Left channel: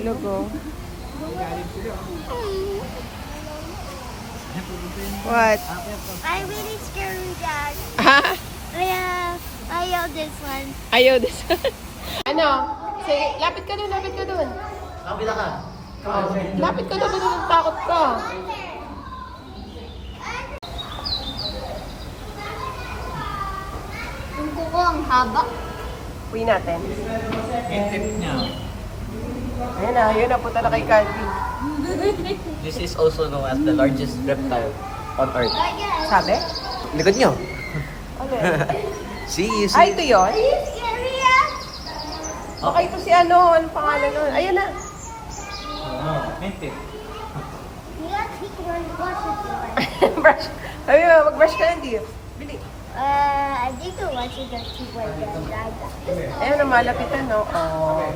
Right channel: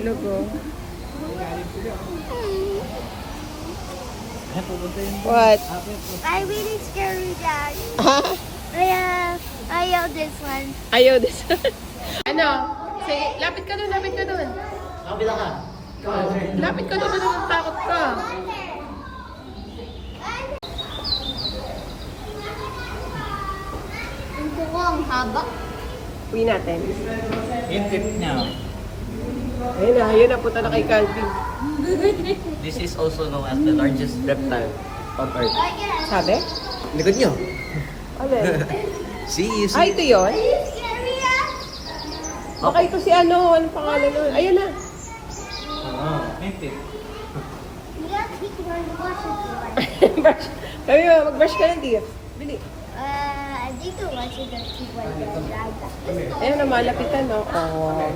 Tulog, oh. What? I really scary, Dad. Ayaw this one. Ayaw this. Ano? Sige, lapit ka dun, lapit ka dun. Kabila ka. Lapit ka dun, takot ka. Yung kuko ang haba. Uwi natin. Yung fifth niya. Ayun na, punta na kay Calvin. This is also known as the largest reptile on Earth. Sabi? Likod niyo. Alin? See, you Ay, see. ito yun? Are you scary, Dad? Okay, ito si ano, anong pangalan nun? Ayun na. Oh, yung fifth. Yeah, he can watch it. Brush. Sabi mo, mag-brush ka lang, Dio. Bili. I think I watch it and see what Dad. Ayun na, malapitan, no? Oh.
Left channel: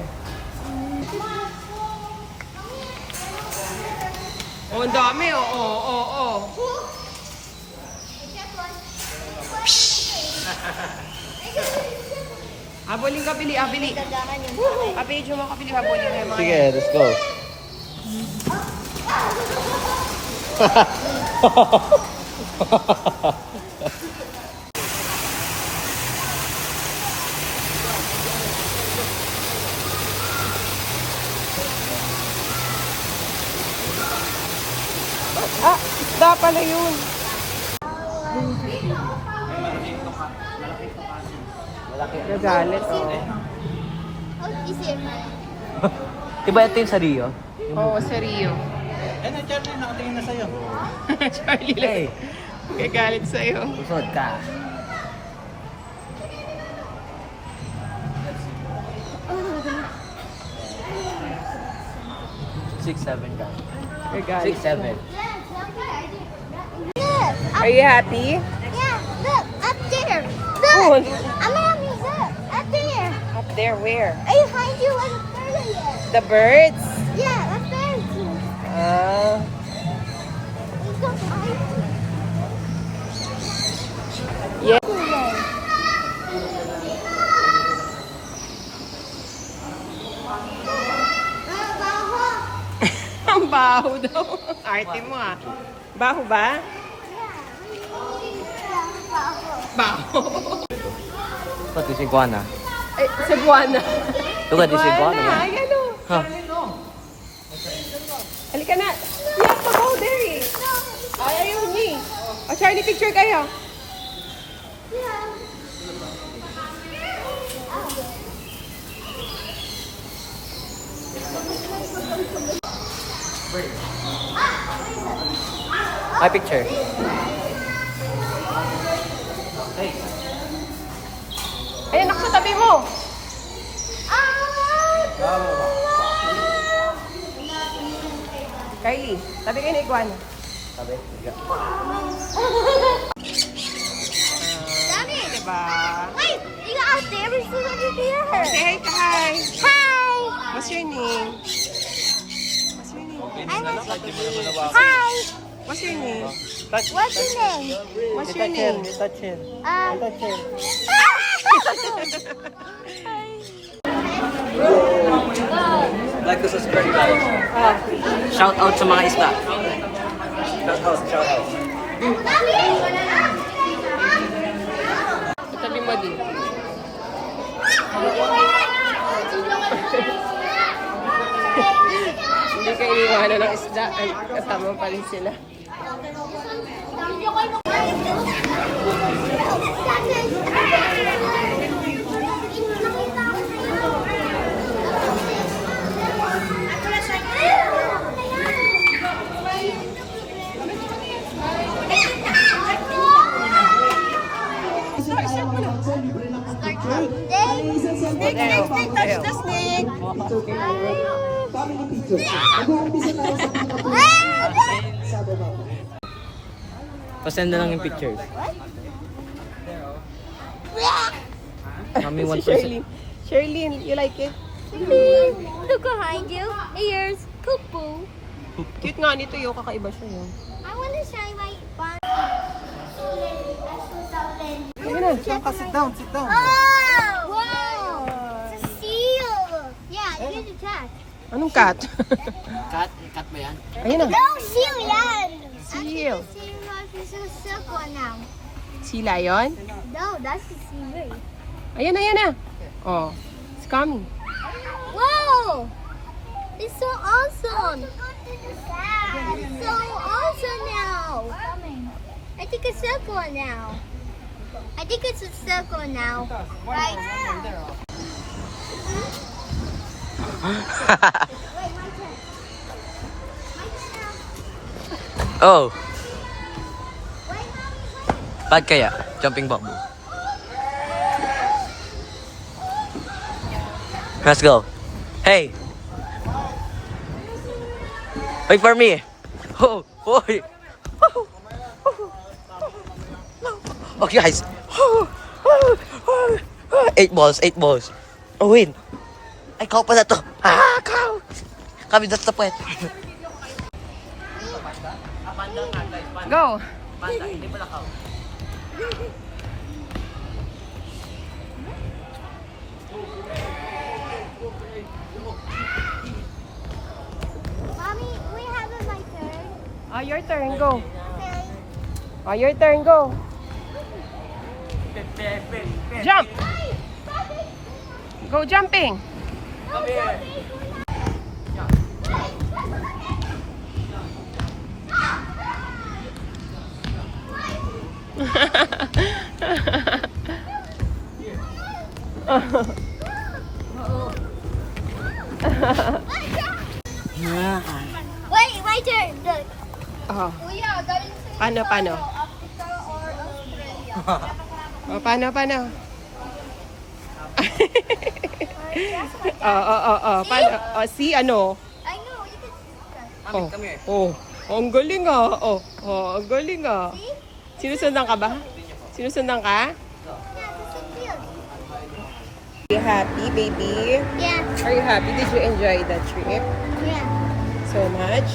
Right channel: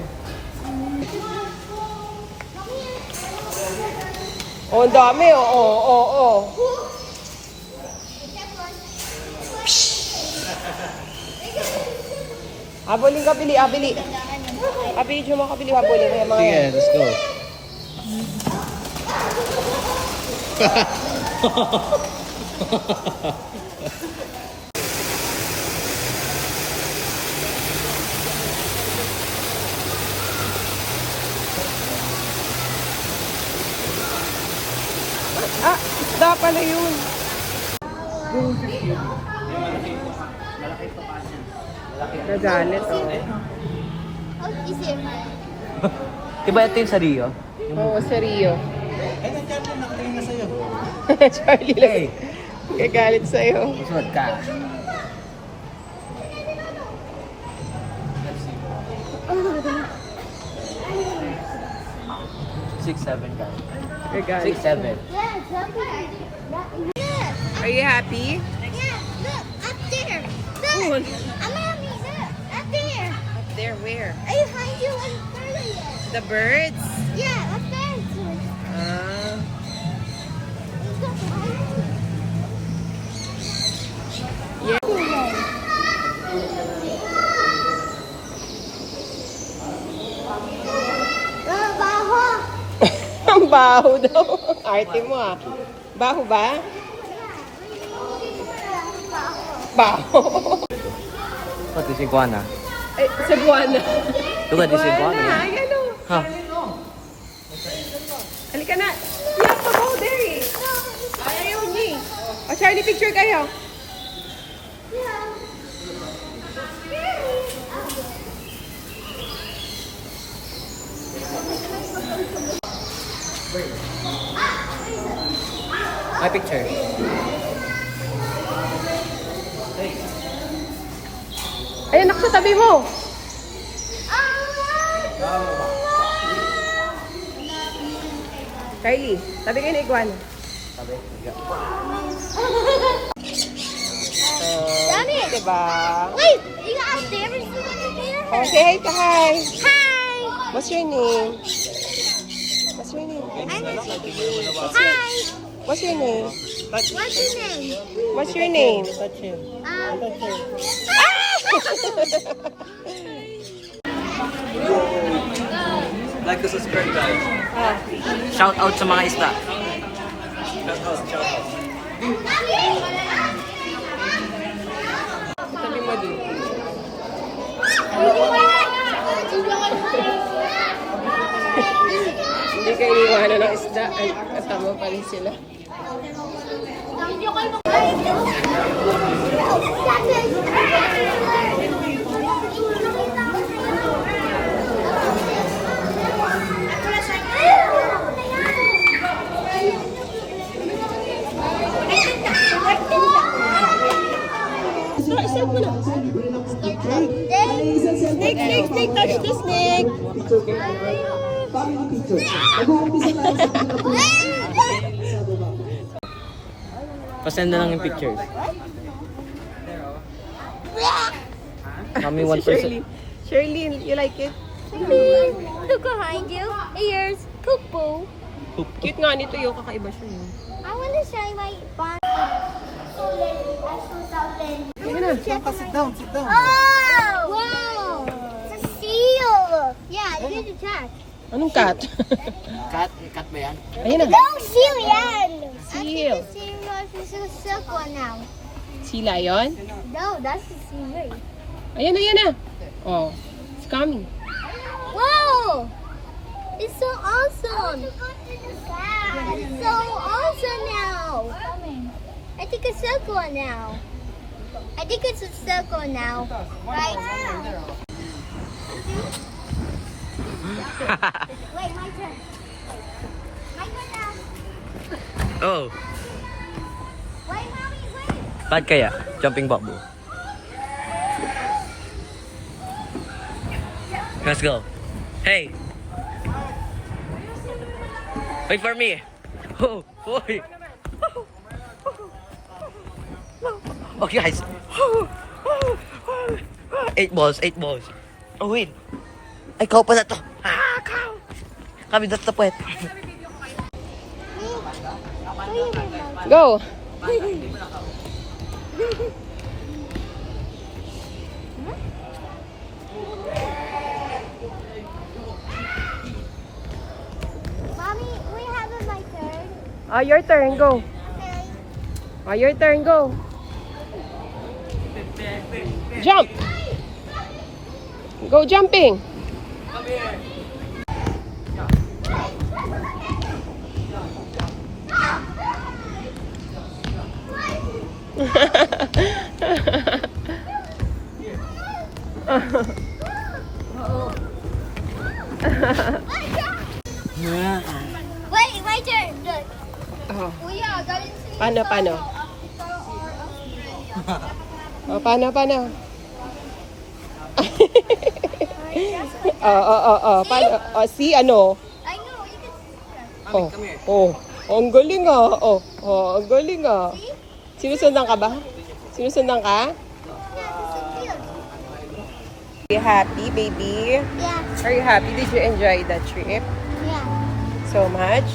Oh, ang dami, oh, oh, oh, oh. Habulin ka, Bili, Bili. Video mo ka, Bili, habulin ka. Mga Sige, let's go. Ah, da pala yun. Nagalit, oh. Oh, is it? Diba ito yung sa Rio? Oo, si Rio. Ay, Charlie, nakatingin na sa'yo. Charlie lang. Gagalit sa'yo. Usod ka. Six, seven ka. Gagalit. 6, 7. Yeah, look. Are you happy? Yeah, look, up there. Oh. Look, I'm happy. Look, up there. Up there, where? I find you on the 30th. The birds? Yeah, up there. Ah. You go behind me. Yeah. Baho. Ang baho daw. Arte mo, ah. Baho ba? Yeah, baho. Baho. Ito, this iguana. Ay, Cebuana. Ito ka, this iguana. Ay, ano? Ha? Halika na. You have to go there, eh. Ay, ayaw niya, eh. O, Charlie, picture kayo. Yeah. My picture. Ayun, ako sa tabi mo. Kylie, tabi kayo na iguana. Sabi, Daddy. Diba? Wait, you got up there. We still have to Oh, do say hi to hi. Hi. What's your name? What's your name? Hi. What's your name? What's your name? What's your name? Touch him. Touch him. Like to subscribe, guys. Shout out sa mga isda. Shout out, shout out. Sabi mo din. Hindi ka iniwanan ng isda. Ay, kasama pa rin sila. Start mo na. Snake, snake, snake, touch the snake. Pasend na lang yung pictures. Mami, 1%. Shirley, you like it? Look behind you. Ears. Cuckoo. Cute nga nito yung kakaiba siya yun. I want to show you my barn. Sige na, sit down, sit down. Oh! Wow! It's a seal! Yeah, you need to check. Anong cat? Cat? Cat ba yan? Ayun na. No, seal yan. Seal. It's a circle now. Sea lion? No, that's the seal. Ayan na. Oh, it's coming. Whoa! It's so awesome. It's so awesome now. I think it's circle now. I think it's a circle now. Right? Oh. Bad kaya? Jumping bubble. Let's go. Hey. Wait for me. Oh, boy. Okay, guys. 8 balls. Oh, win. Ay, ikaw pa na to. Ikaw. Kami that's the point. Go. Mommy, we have my turn. Oh, your turn. Go. Okay. Oh, your turn. Go. Jump. Go jumping. Wait, my turn. Look. Oh, We are going to paano? Africa or Oh, paano? Australia. Paano? Oh, si ano? I know, you can see that. Oh, come here. oh, ang galing ah. Ang galing ah. See? Sinusundan ka ba? Sinusundan ka? Yeah, this is cute. Are you happy, baby? Yeah, Are you happy? Did you enjoy the trip yeah. so much?